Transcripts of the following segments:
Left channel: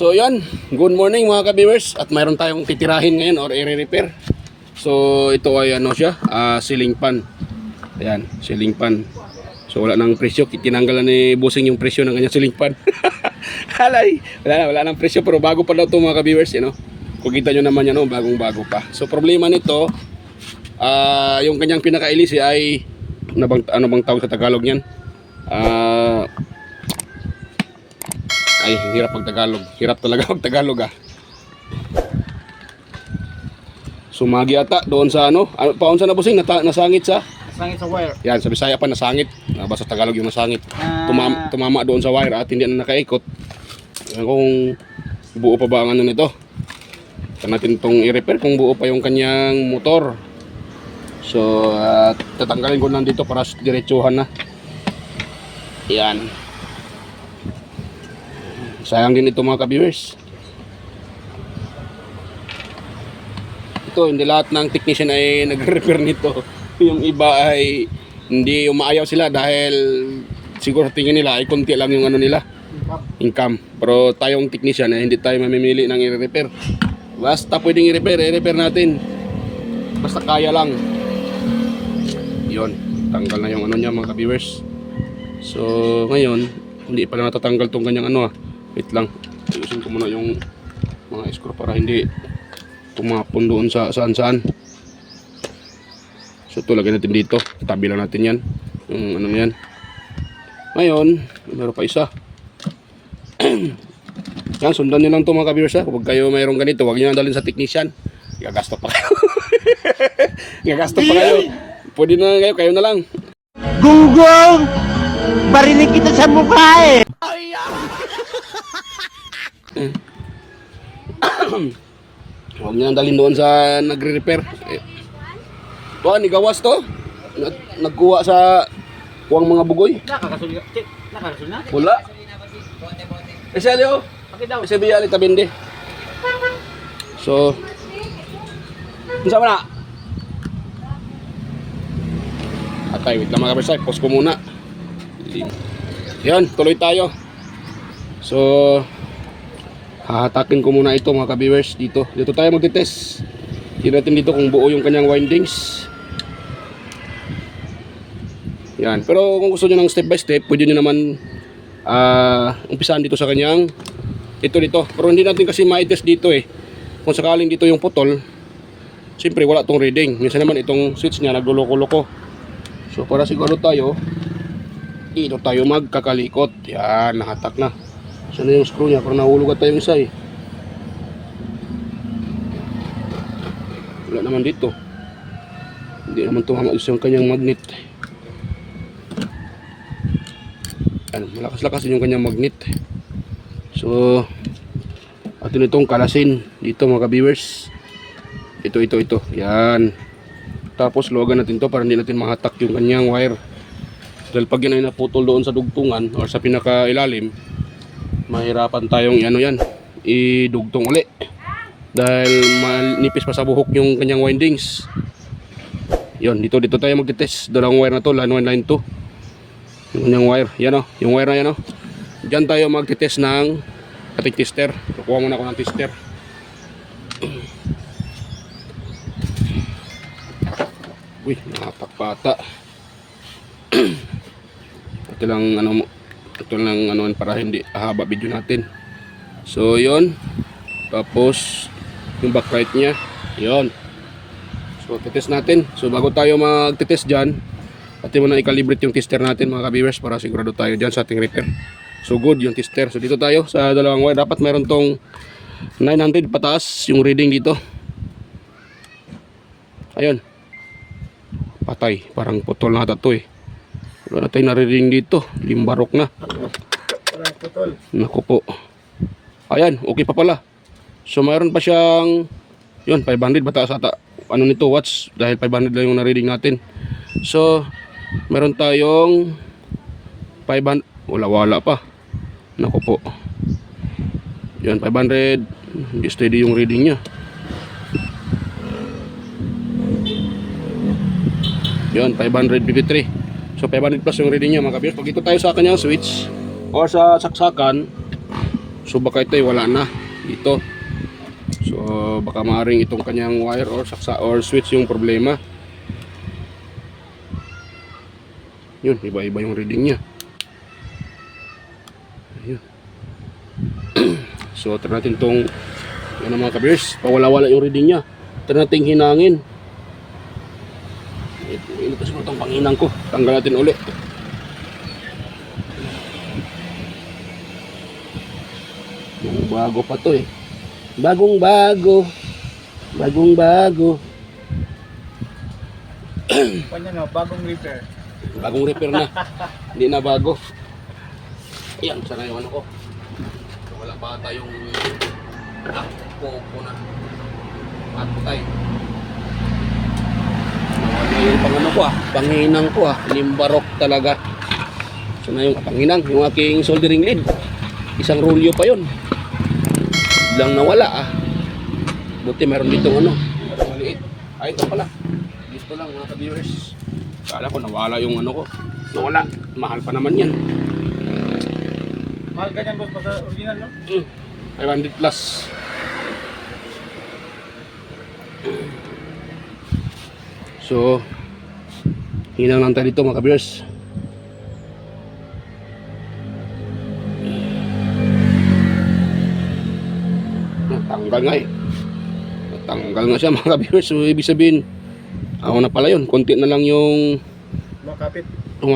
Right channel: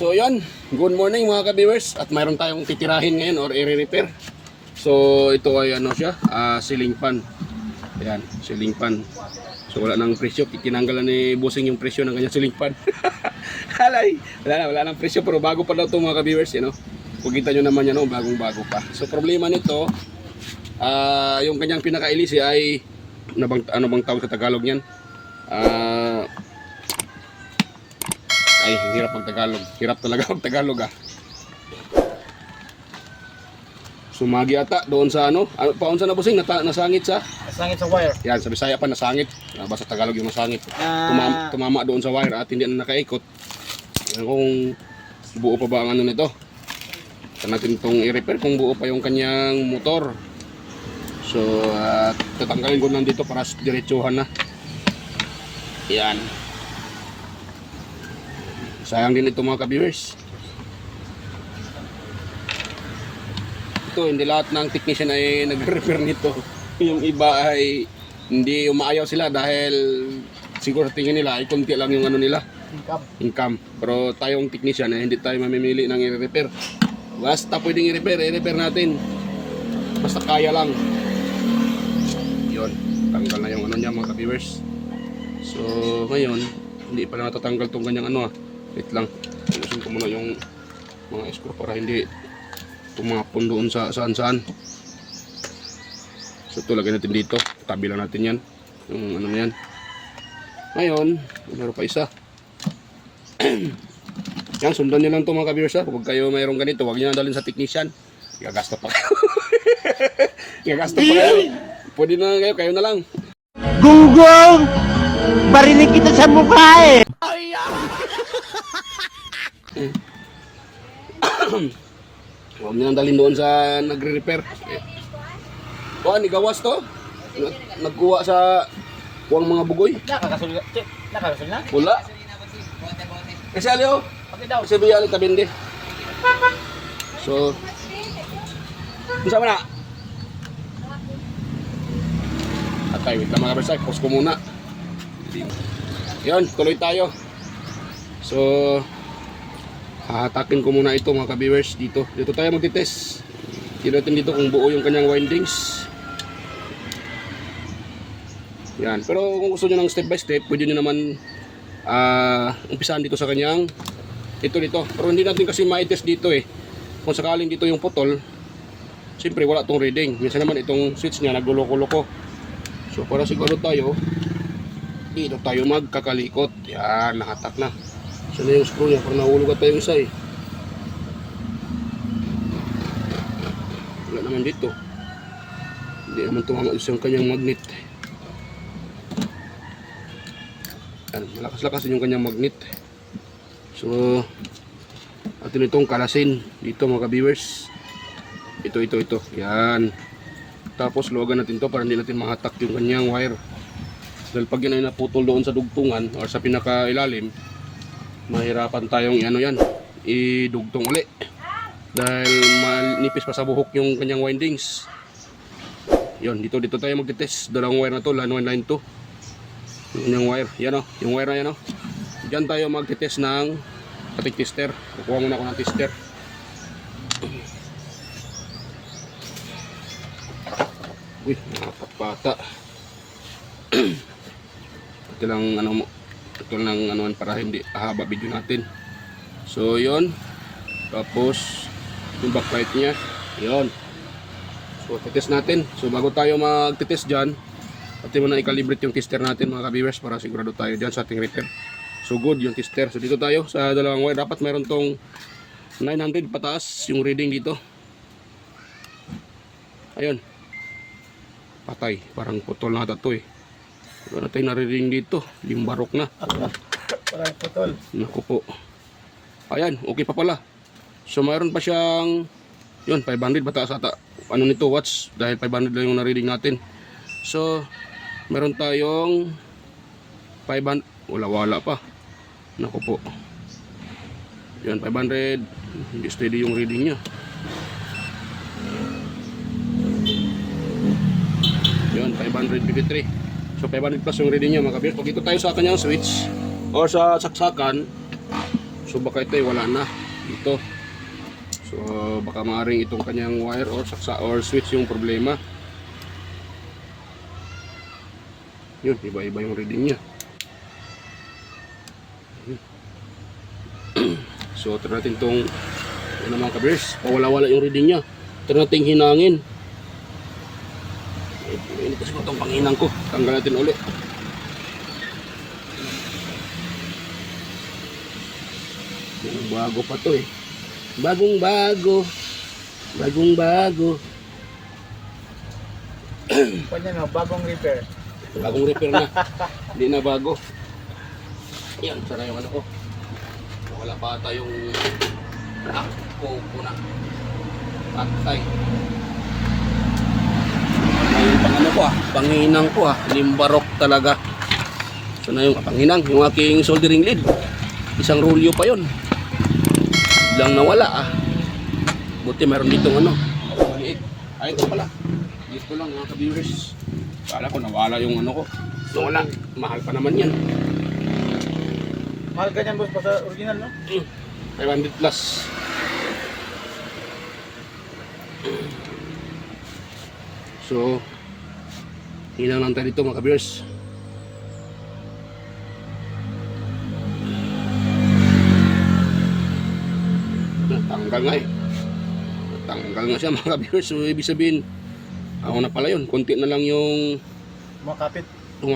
So yan, good morning mga ka-viewers. At mayroon tayong titirahin ngayon or i-repair. So ito ay ano siya, ceiling fan. Ayan, ceiling fan. So wala nang presyo, tinanggalan ni Bossing yung presyo ng kanyang ceiling fan. Halay, wala nang presyo pero bago pa daw ito mga ka-viewers, you know. Kung kita nyo naman yan, no, bagong-bago pa. So problema nito, yung kanyang pinaka-ilisi ay ano bang tawag sa Tagalog niyan? Ay, hirap mag-Tagalog. Hirap talaga mag-Tagalog Sumagi ata doon sa ano paunsa na Bossing, nasangit sa? Nasangit sa wire. Yan, sa Bisaya pa nasangit. Basta Tagalog yung nasangit. Tumama doon sa wire at hindi na nakaikot. Yan kung buo pa ba ang ano nito. Kaya natin itong i-repair kung buo pa yung kanyang motor. So, tatanggalin ko lang dito para diretsuhan na. Yan. Sayang din ito mga ka-viewers. Ito, hindi lahat ng technician ay nag-repair nito. Yung iba ay hindi umaayaw sila dahil siguro tingin nila ay konti lang yung ano nila, income. Pero tayong technician ay hindi tayo mamimili ng i-repair. Basta pwedeng i-repair natin. Basta kaya lang. Yun, tanggal na yung ano niya mga ka-viewers. So, ngayon, hindi pa na natatanggal tong kanyang ano Wait lang, ayusin ko muna yung mga screw para hindi tumapon doon sa saan-saan. So ito, lagyan natin dito, tabi lang natin yan, yung ano yan. Ngayon, meron pa isa. Yan, sundan nyo lang ito mga ka-viewers Huwag kayo mayroong ganito, huwag nyo dalhin sa technician. Gagasto pa kayo. Gagasto pa kayo. Pwede na kayo na lang. Gunggong! Barinig kita sa mukha Huwag nyo dalhin doon sa nagre-repair. Ni gawas to. Nagkuha sa kuwang mga bugoy. Nakakasul na? Wala. Kasi aliyo. Kasi biyali tabindi. So, saan na? Atay, wait lang mga kabersay. Pause ko muna. Yan, tuloy tayo. So, hahatakin ko muna ito mga ka-viewers dito. Dito tayo magte-test. Tingnan natin dito kung buo yung kanyang windings. Yan. Pero kung gusto nyo ng step by step, pwede nyo naman umpisahan dito sa kanyang ito dito. Pero hindi natin kasi ma-test dito Kung sakaling dito yung putol, siyempre wala tong reading. Minsan naman itong switch niya nagluloko-loko. So para siguro tayo, dito tayo magkakalikot. Yan, nakatak na. So na yung screw niya, parang nahulog at tayong isa Wala naman dito. Hindi naman tumama yung kanyang magnet. Malakas-lakas din yung kanyang magnet. So atin itong kalasin dito mga ka-viewers. Ito. Yan. Tapos luwagan natin to para hindi natin mahatak yung kanyang wire. Dahil pag yan ay naputol doon sa dugtungan or sa pinakailalim, mahirapan tayong idugtong uli dahil manipis pa sa buhok yung kanyang windings. Yun, dito tayo magte-test. Dalawang wire na to, line 1, line 2. Yung kanyang wire, yung wire na yan Diyan tayo magte-test ng ating tester. Kukuha muna ako ng tester. Uy, napakbata. Ito lang para hindi haba video natin. So yun. Tapos yung backlight niya, yun. So test natin. So bago tayo magte-test diyan, atin muna i-calibrate yung tester natin mga ka-viewers para sigurado tayo diyan sa ating repair. So good yung tester. So dito tayo sa dalawang wire, dapat meron tong 900 pataas yung reading dito. Ayun. Patay, parang putol na ito Wala tayo na-reading dito. Limbarok na. Naku po. Ayan, okay pa pala. So mayroon pa siyang 500 bataas ata. Ano nito, watts. Dahil 500 lang yung na-reading natin. So meron tayong 500. Wala pa. Naku po. 500. Hindi steady yung reading niya. 553. So 500 plus yung reading niya mga kabiyos. Pag ito tayo sa kanyang switch or sa saksakan, So baka ito ay wala na dito. So baka maaaring itong kanyang wire or saksa or switch yung problema. Yun, iba-iba yung reading niya. Ayun. So try natin tong ano mga kabiyers, pawala-wala yung reading niya. Try natin hinangin. Ito kasi itong panginang ko. Tanggal natin ulit. Bago pa to eh. Bagong bago. Kanya no, bagong repair. Bagong repair na. Hindi na bago. Yan, sana yung ano ko. Wala pa tayong po na. Patay. Wala yung pang ano ko panginang ko limbarok talaga. Sana yung panginang, yung aking soldering lead. Isang rolyo pa yon. Biglang nawala Buti meron ditong ano, maliit. Ay, ito pala. Dito lang mga ka-viewers. Kala ko nawala yung ano ko. Nawala. Mahal pa naman yan. Mahal ganyan boss pa sa original no? 500 plus. So, hinang lang tayo dito mga ka-viewers. Natanggal nga Natanggal nga siya mga ka-viewers. So, ibig sabihin, ako na pala yun. Konti na lang yung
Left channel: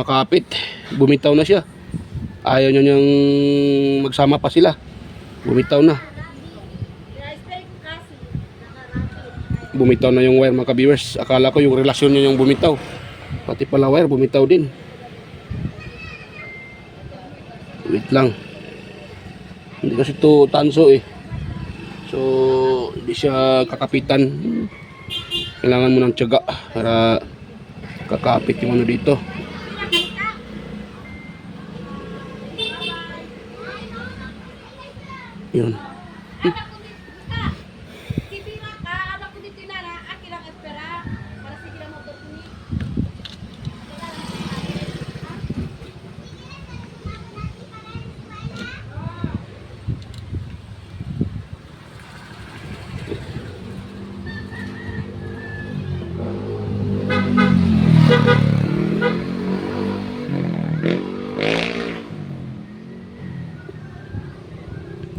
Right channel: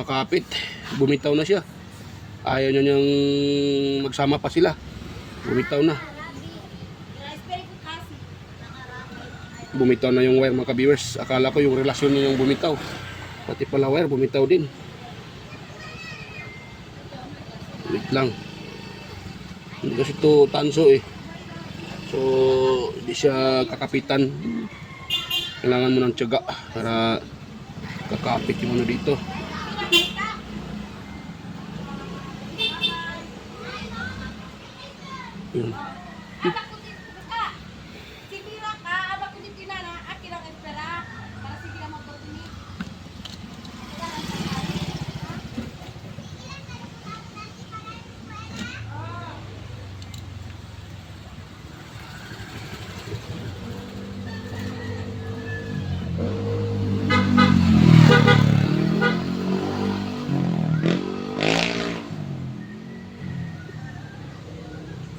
kapit. Bumitaw na siya. Ayaw niya niyang magsama pa sila. Bumitaw na. Bumitaw na yung wire mga ka-viewers. Akala ko yung relasyon niya yung bumitaw. Pati pala wire bumitaw din. Wait lang. Hindi kasi ito tanso So hindi siya kakapitan. Kailangan mo ng tiyaga para kakapit yung ano dito. Yun.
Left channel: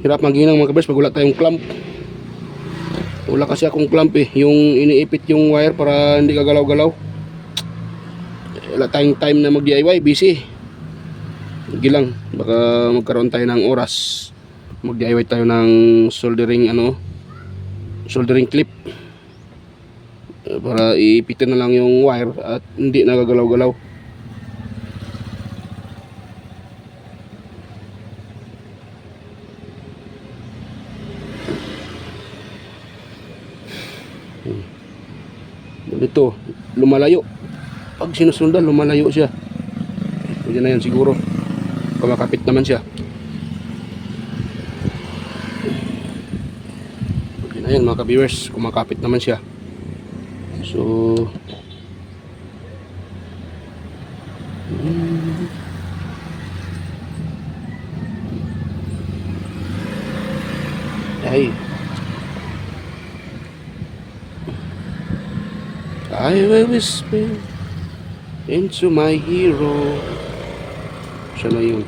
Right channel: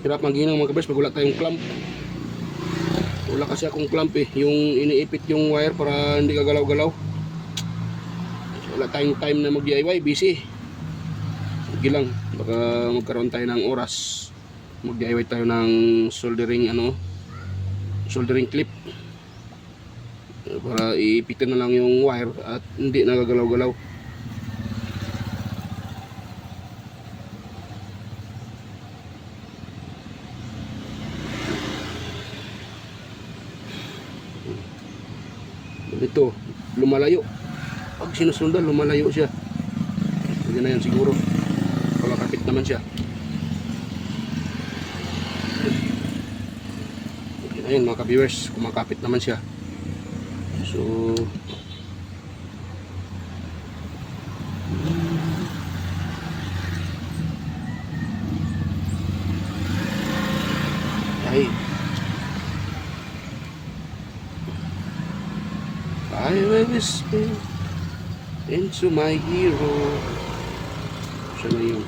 Hirap maghinang mga kabers pag wala tayong clamp. Wala kasi akong clamp yung iniipit yung wire para hindi kagalaw-galaw. Wala tayong time na mag-DIY, busy. Sige lang, baka magkaroon tayo ng oras. Mag-DIY tayo ng soldering soldering clip. Para iipitin na lang yung wire at hindi nagagalaw-galaw. Ito, lumalayo. Pag sinusundan, lumalayo siya. Hindi na yan siguro. Pagkakapit naman siya. Hindi na yan mga ka-viewers. Kumakapit naman siya. So, ay, I will whisper into my hero. Siya na yun.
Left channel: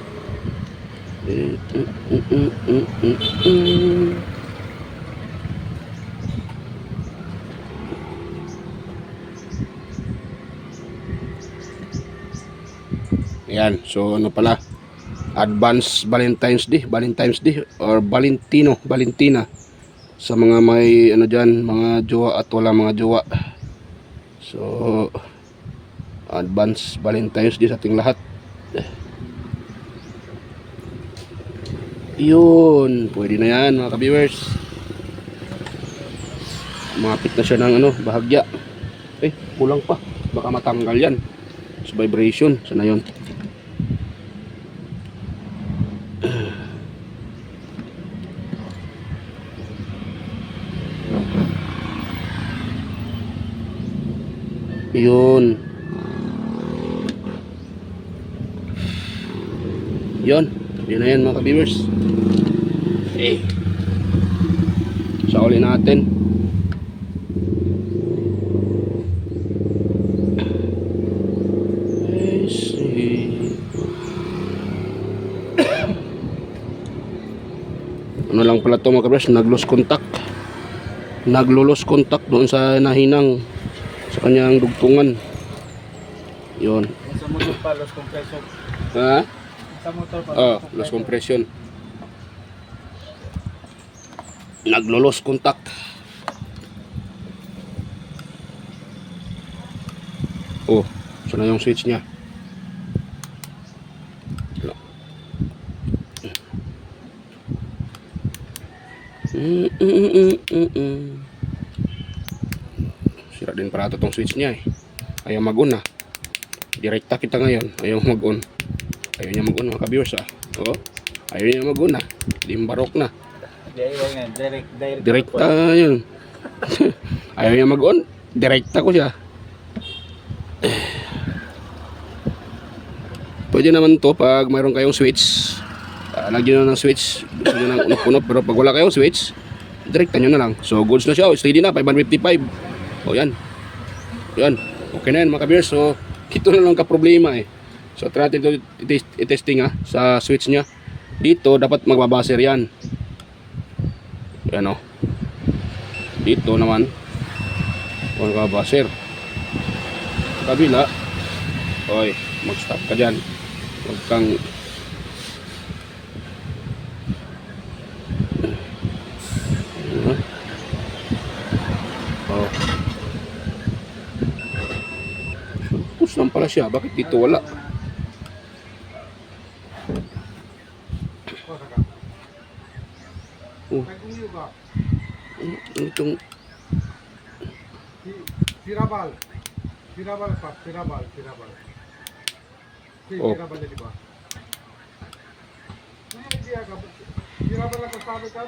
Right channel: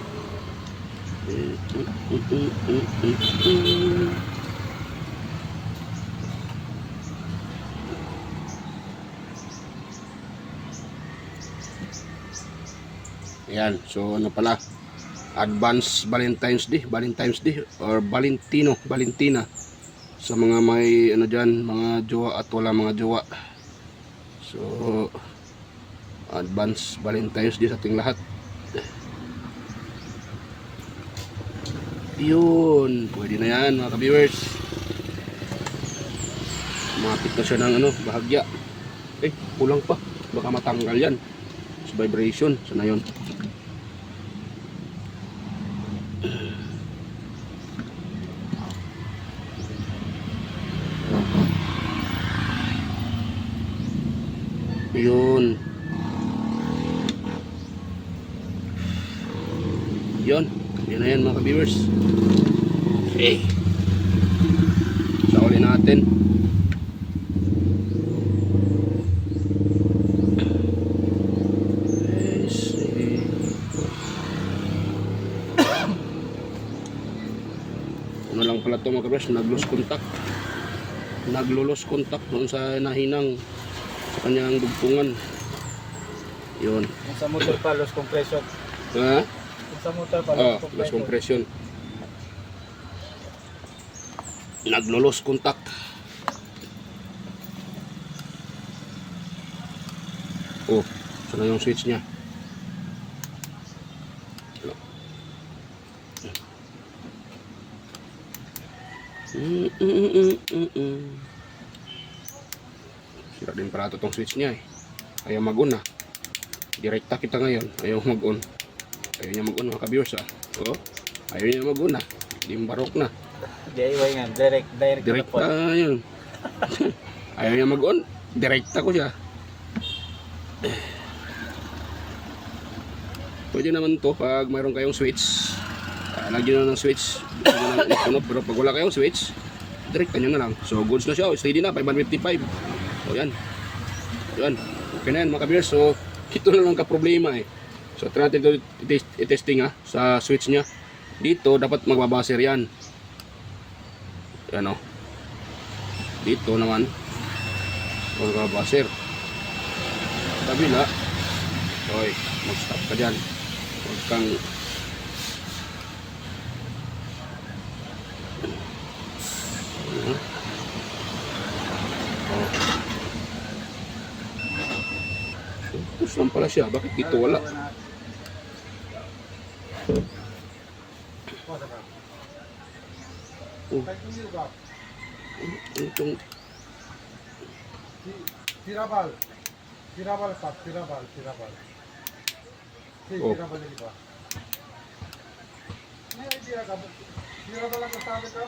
Ayan, so ano pala, advance Valentine's Day or Valentina sa mga may ano dyan, mga jowa at wala mga jowa. So advance Valentine's Day sa ating lahat. Yun, pwede na yan mga ka-viewers. Mapit na siya ng ano, bahagya. Kulang pa, baka matanggal yan sa vibration. Sana yun. Yun. Yun na yan mga ka-viewers. Okay. Sa uli natin. I see. Ano lang pala ito mga kabers, nag-lose contact. Naglo-lose contact doon sa nahinang sa kanyang dugtungan. Yun. Yung sa motor pa, loss compression. Ha? Yung sa motor pa, Loss compression. Naglo-lose contact. Oh, saan na yung switch niya? Wala. Sira din para itong switch niya eh. Ayaw mag-on ah. Direkta kita ngayon. Ayaw mag-on. Ayaw niya mag-on mga ka-viewers ah. Oo. Ayaw niya mag-on ah. Limbarok na. DIY nga, direct. Direkta yun. Ayaw niya mag-on. Direkta ko siya. Pwede naman to pag mayroon kayong switch. Lagyan nyo ng switch. Gusto nyo nang unot-unot. Pero pag wala kayong switch, direkta nyo na lang. So goods na siya. Steady na. 555. O yan. Yan. Okay na yan mga ka-viewers. So ito na lang ka-problema eh. So try natin ito i-testing ha. Sa switch nya. Dito dapat magbabaser yan. Yan o. Dito naman magbabaser. Kabila. Hoy, mag-stop ka dyan. Huwag kang oh. Push lang pala siya. Bakit dito wala? Oh. Itong Tirabal. Tirabal pa, tirabal. Sí, Oh. tirabal di ba? Tirabal ang kasabi ka?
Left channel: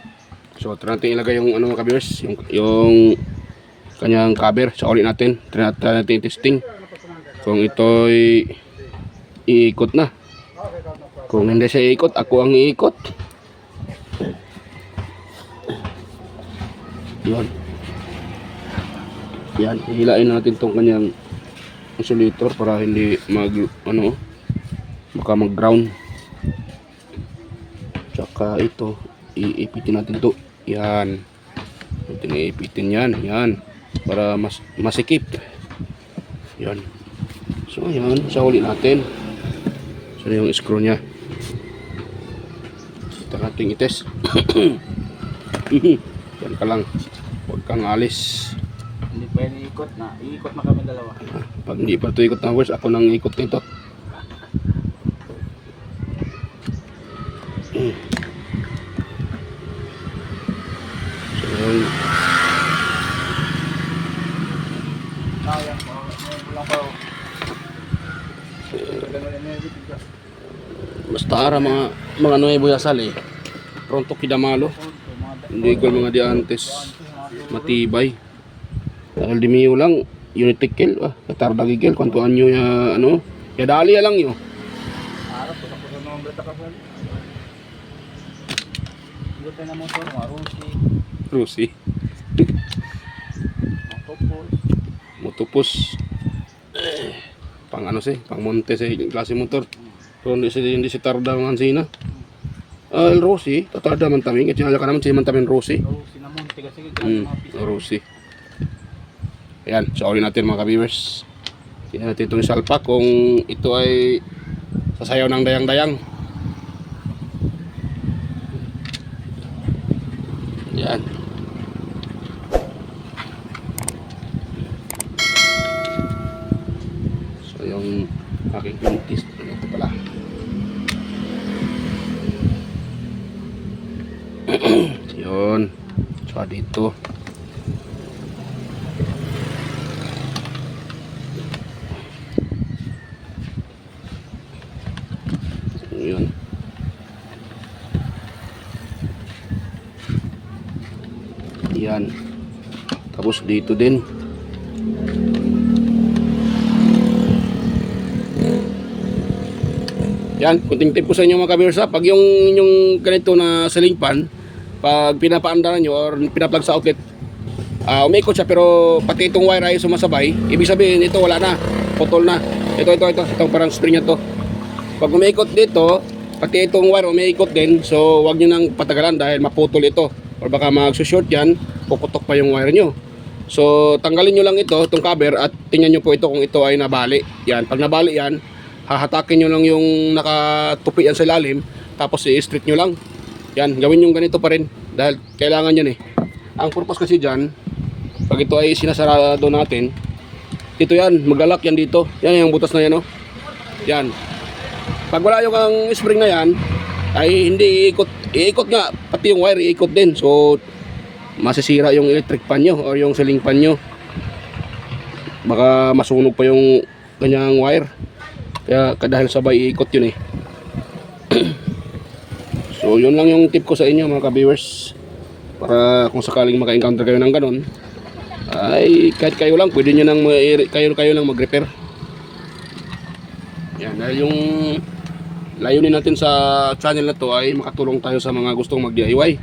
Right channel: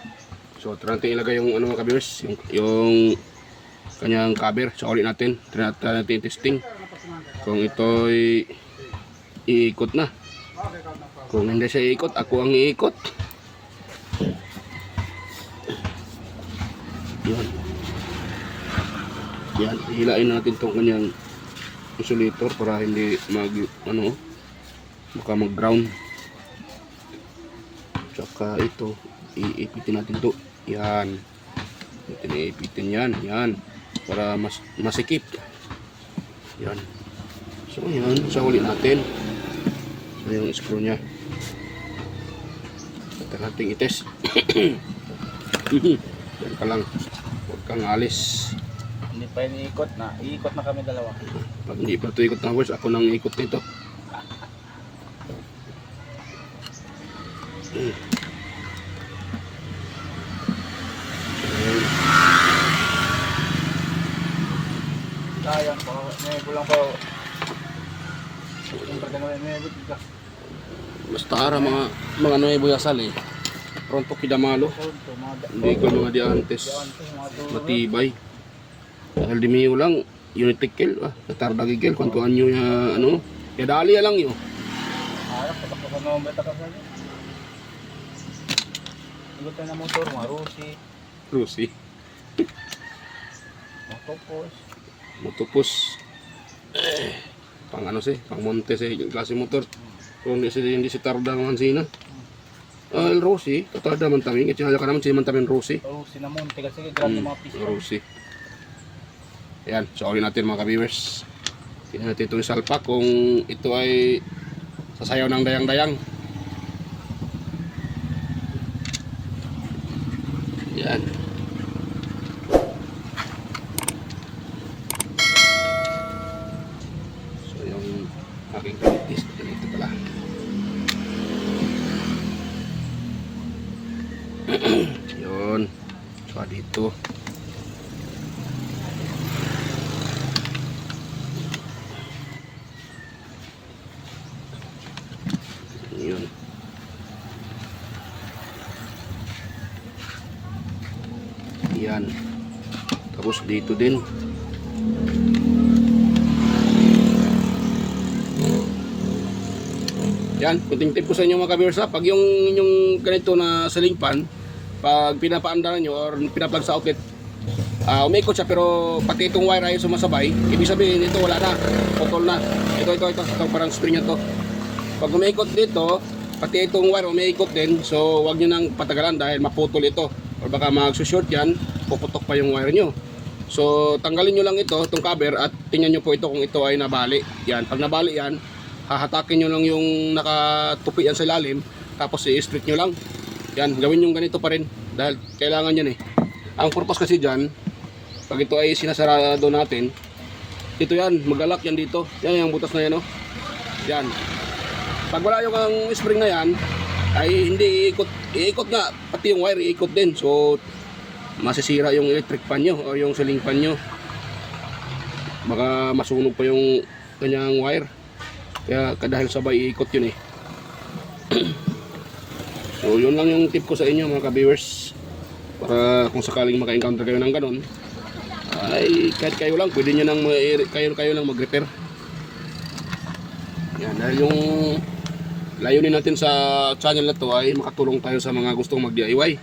so try natin ilagay yung ano mga ka-viewers, yung kanyang cover sa ulit natin. Try natin testing kung ito'y iikot na. Kung hindi siya iikot, ako ang iikot. Yan. Yan, hilain natin tong kanyang insulator para hindi baka mag-ground. Tsaka ito, iipitin natin to. Yan. Iipitin yan, yan. Para masikip. Yan. So yan, sa huli natin. So yung screw nya. Ito natin itest. Yan pa lang. Huwag kang alis. Hindi pa iniikot na. Iikot na kami dalawa. Pag hindi pa ito ikot ng horse, ako nang ikot nito. Sayang po. Ngayon ko lang po. Basta ara mga nuevo yasal eh. Pronto kidamalo. Hindi ko mga diantes matibay. Dahil dimiyo lang, unitikel, katarda gigil, kung anyo ya, ano, kaya dali lang yun. Harap, patapos ang mga bata ka po. Ikot tayo na motor, mga Rusi, Rusi, Motopos. motopos, pang ano pang monte klase motor. Pero hindi si tarda mga sina. El Rusi, katarda man taming, at sinala ka naman si man taming Rusi. Rusi na monte kasi grabe mga piso. Rusi. Ayan, so ulit natin mga ka-viewers. Tingnan natin itong salpak kung ito ay sasayaw ng dayang-dayang. Ayan. So yung aking kulitis, ito pala. Yun. So dito. Yun. Yan. Tapos dito din. Yan, kunting tip ko sa inyo mga ka-viewers ha. Pag yung ganito na ceiling fan, pag pinapaandaran nyo or pinaplug sa outlet, umikot siya pero pati itong wire ay sumasabay. Ibig sabihin ito wala na, putol na. Ito parang spring na to. Pag umikot dito, pati itong wire umiikot din. So wag nyo nang patagalan dahil maputol ito or baka magsushort yan, puputok pa yung wire nyo. So tanggalin nyo lang itong cover at tingnan nyo po ito kung ito ay nabali. Yan, pag nabali yan, hahatakin nyo lang yung nakatupi yan sa ilalim, tapos i-straight nyo lang. Yan, gawin yung ganito pa rin dahil kailangan yan eh. Ang purpose kasi dyan, pag ito ay sinasarado natin, ito yan, maglalak yan dito. Yan yung butas na yan, oh. Yan. Pag wala yung ang spring na yan, ay hindi iikot nga, pati yung wire iikot din. So masisira yung electric fan nyo o yung ceiling fan nyo. Baka masunog pa yung ganyang wire. Kaya dahil sabay iikot yun eh. So yun lang yung tip ko sa inyo mga ka-viewers. Para kung sakaling maka-encounter kayo ng ganon, ay kahit kayo lang, pwede nyo nang kayo lang mag-repair. Yan, dahil yung layunin natin sa channel na to ay makatulong tayo sa mga gustong mag-DIY.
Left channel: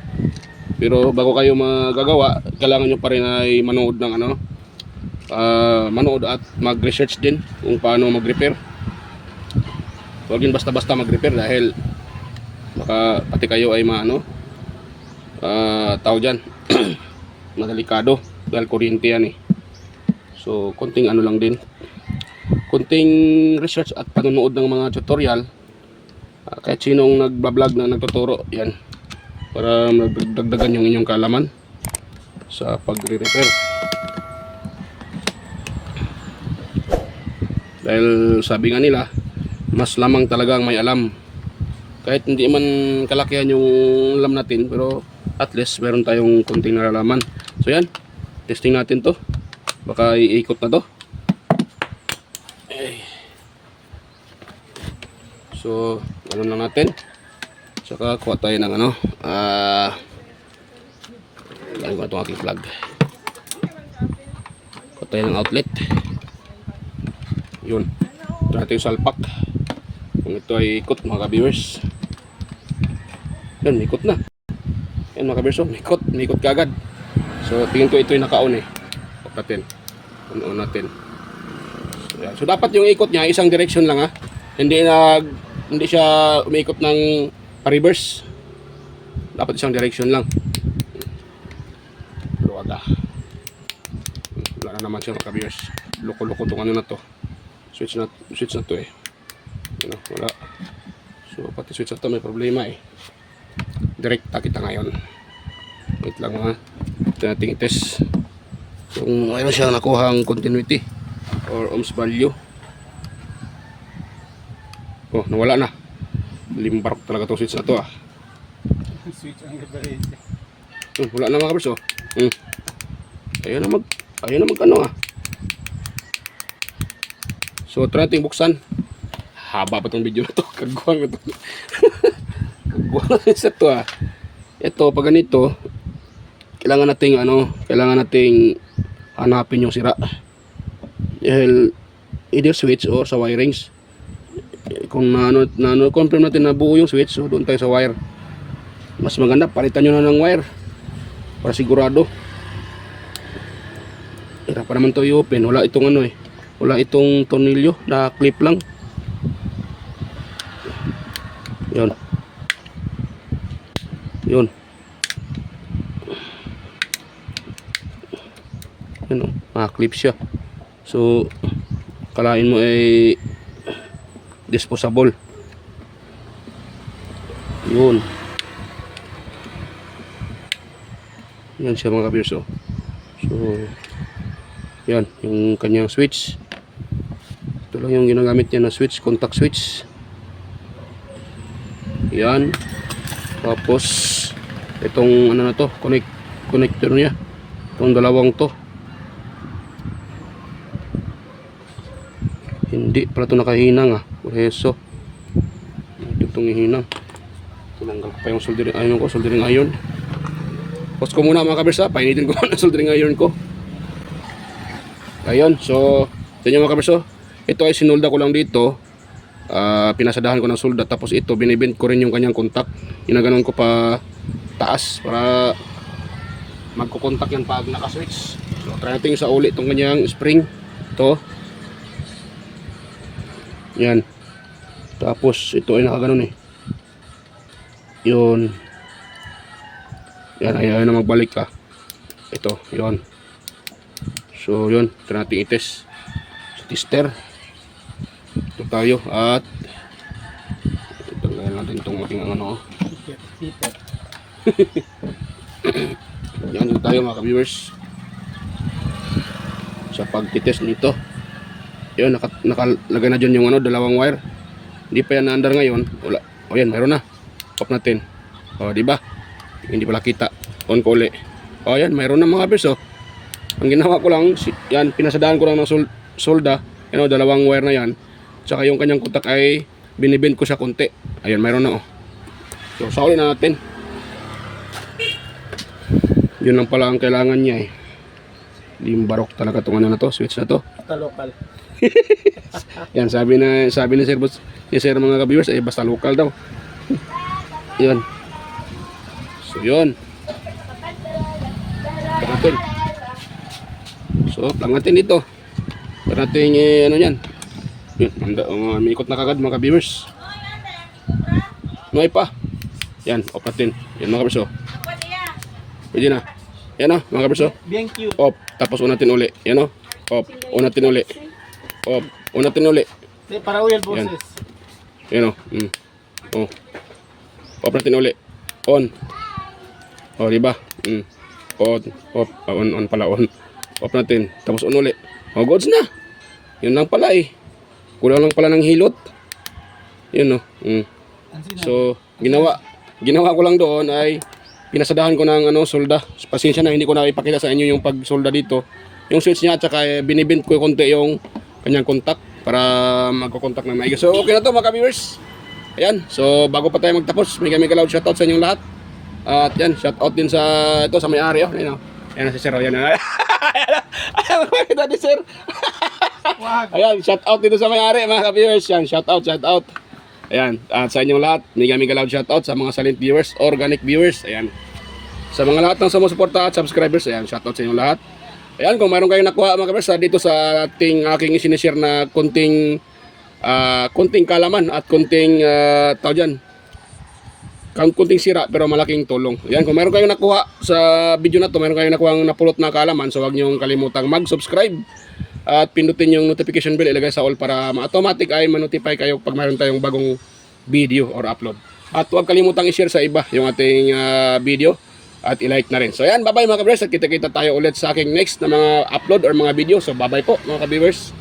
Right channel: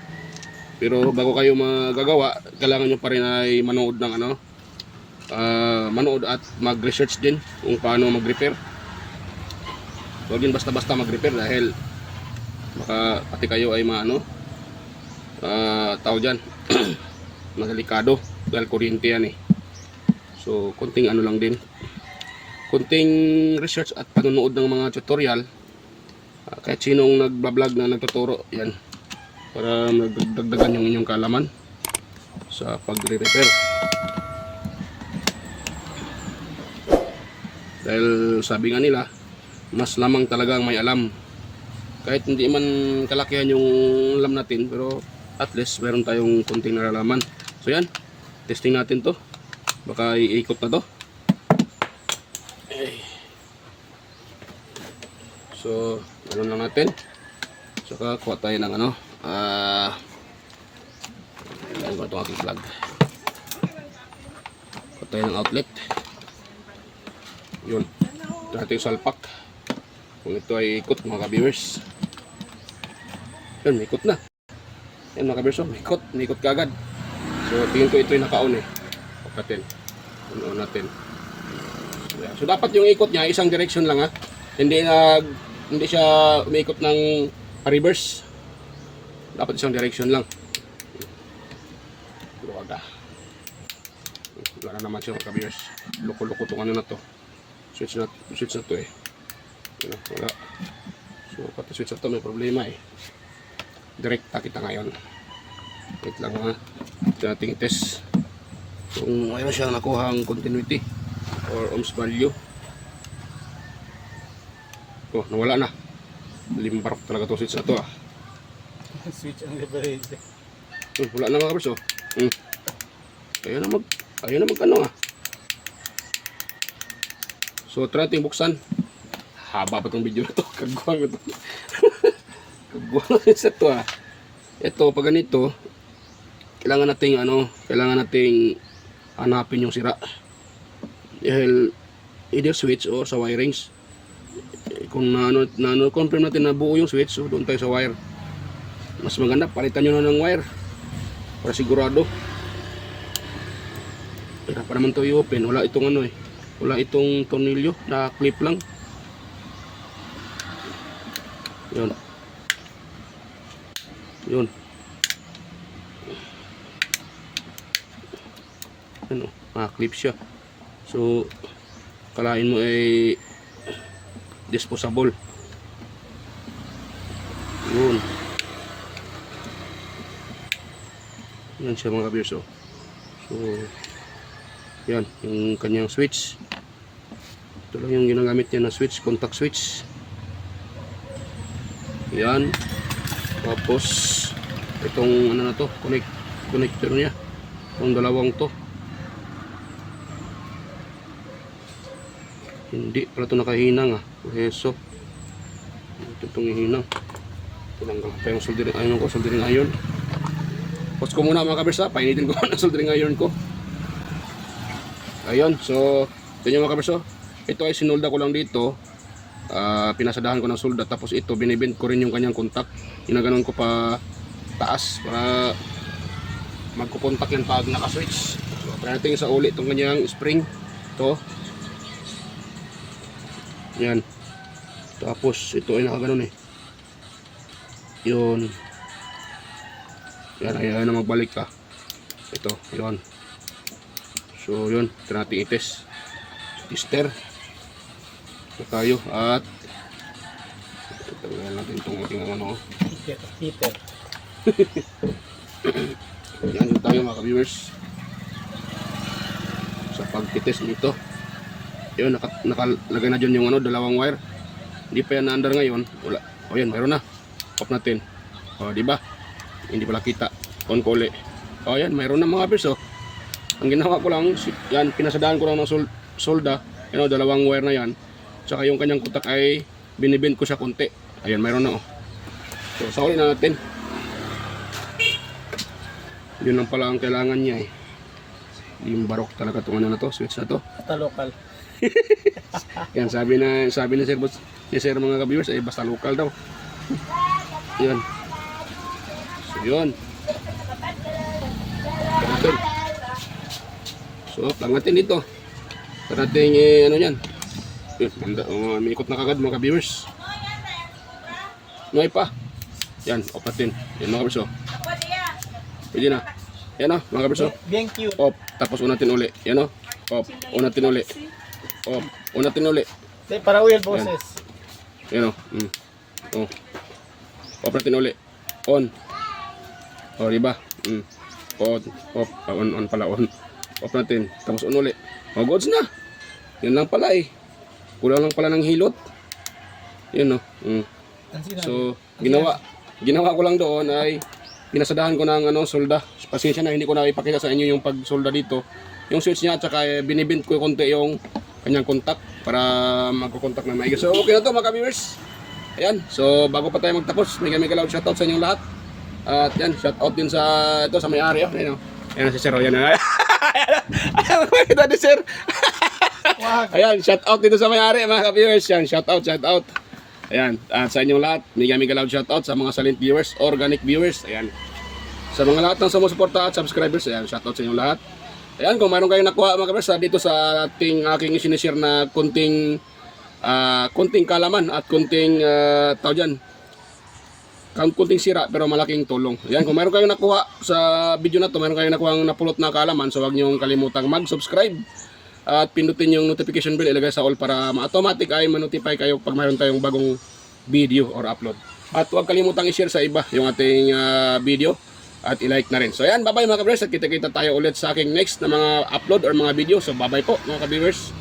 Pero bago kayo magagawa, kailangan nyo pa rin ay manood ng manood at mag-research din kung paano mag-repair. Huwag din basta-basta mag-repair dahil baka pati kayo ay tao dyan delikado dahil kuryente yan eh. So konting lang din, konting research at panonood ng mga tutorial, kahit sinong nagbablog na nagtuturo yan, para magdagdagan yung inyong kaalaman sa pagre-repair. Dahil sabi nga nila, mas lamang talaga ang may alam. Kahit hindi man kalakihan yung alam natin, pero at least meron tayong konting nalalaman. So yan, testing natin to. Baka iikot na to. So ano na natin, saka kuha tayo ng lagyan ko na itong ating plug. Kuha tayo ng outlet. Yun, ito natin yung salpak. Kung ito ay ikot mga ka-viewers, yun, ikot na. Yan mga ka-viewers, ikot kagad. So tingin ko ito yung naka-on eh. Pagkatin, on natin. So, yan. So dapat yung ikot niya isang direction lang ha. Hindi siya umiikot ng pa-reverse. Dapat isang direction lang. Luwaga. Wala na naman siya mga ka-viewers. Loko-loko itong na to. Switch na to eh. Wala. So pati switch na to may problema eh. Direkta kita ngayon. Wait lang ha. Ito natin i-test kung mayroon siyang nakuhang continuity or ohms value. Oh, nawala na. Limbarok talaga itong switch na to ah. Switch ang reference. Wala na mga kabers oh. Ayaw na mag ah. So try natin buksan. Haba pa itong video na to. Kagwang ito. Kagwang na sa to ah. Ito pag ganito, kailangan nating hanapin yung sira. Dahil either switch o sa wirings. Kung confirm natin na buo yung switch, so doon tayo sa wire. Mas maganda palitan nyo na ng wire para sigurado. Hirap pa naman to i-open. Wala itong wala itong tornilyo na clip lang. Yun. Yun oh, clip siya. So kalain mo ay disposable. Yun siya mga kabiyers oh. So yan yung kanyang switch. Ito lang yung ginagamit niya na switch, contact switch. Yan. Tapos itong na to, connector niya. Itong dalawang to. Hindi pala ito nakahinang ah. Preso. Itong ihinang. Tinanggal ko pa yung soldering iron. Pause ko muna mga kabers ha. Painitin ko na soldering iron ko. Ayun. So ito mga kabers. Ito ay sinulda ko lang dito. Pinasadahan ko ng solda. Tapos ito binibend ko rin yung kanyang contact. Ginaganon ko pa taas para magkukontak yan pag naka-switch. So, try natin sa uli itong kanyang spring. Ito. Yan. Tapos, ito ay nakaganon eh. Yun. Yan, ayaw na magbalik ka. Ito, yun. So, yun. Try natin i-test. Tester. Ito tayo. At, tanggalin natin itong ating ano. Peter. Yan tayo mga ka-viewers. Sa pag-test nito. Yun, nakalagay na dyan yung ano, dalawang wire. Hindi pa yan na-under ngayon. Wala. O yan, mayroon na. Off natin. O, diba? Hindi pala kita. On ko uli. O yan, mayroon na mga viewers. Ang ginawa ko lang, yan, pinasadaan ko lang ng solda. Yan o, dalawang wire na yan. Tsaka yung kanyang kutak ay binibend ko siya konti. Ayan, mayroon na o. So, sauli na natin. Yun lang pala ang kailangan niya eh. Yung barok talaga itong ano na to, switch na to. Basta local. Yan, sabi ni Sir Boss, ni Sir mga ka-viewers, ay basta local daw. Yan. So, yun. Natin. So, lang natin dito. Yan natin, ano yan. May ikot na kagad mga ka-viewers. Nuhay pa. Yan, off natin. Yan mga ka-viewers, oh. Pwede na. Yan o, mga ka-viewers, oh. Bien cute. Off. Tapos unatin uli. Yan o. Off. Unatin uli. Off. Unatin uli. Para oil boses. Yan o. Oh. Off natin uli. On. O, diba? On. Off. On pala. On. Off natin. Tapos on uli. O, goods na. Yun lang pala eh. Kulang lang pala ng hilot. Yun o. So, ginawa ko lang doon ay pinasadahan ko ng solda. Pasensya na, hindi ko na ipakita sa inyo yung pagsolda dito. Yung switch niya, at saka binibend ko konti yung kanyang contact para magkukontak ng maigi. So, okay na to mga ka-viewers. Ayan, so bago pa tayo magtapos, may loud shoutout sa inyong lahat. At yan, shoutout din sa ito sa may-ari. Oh, ayan, ayan si Sir. Ayan, ayan, makikita ni Sir. Ayan, shoutout dito sa may-ari mga ka-viewers. Yan, shoutout. Ayan, at sa inyong lahat, may loud shoutout sa mga silent viewers, organic viewers. Ayan, sa mga lahat ng sumusuporta at subscribers, ayan, shoutout sa inyong lahat. Ayan, kung mayroon kayong nakuha mga ka-viewers dito sa aking sinishare na konting kalaman at konting konting sira pero malaking tulong. Ayan, kung mayroon kayong nakuha sa video na to, mayroon kayong nakuha napulot na kalaman, so huwag niyong kalimutang mag-subscribe at pindutin yung notification bell, ilagay sa all para ma-automatic ay ma-notify kayo pag mayroon tayong bagong video or upload. At huwag kalimutang i-share sa iba yung ating video at i-like na rin. So ayan, bye-bye mga ka-viewers, at kita-kita tayo ulit sa aking next na mga upload or mga video. So bye-bye po mga ka-viewers.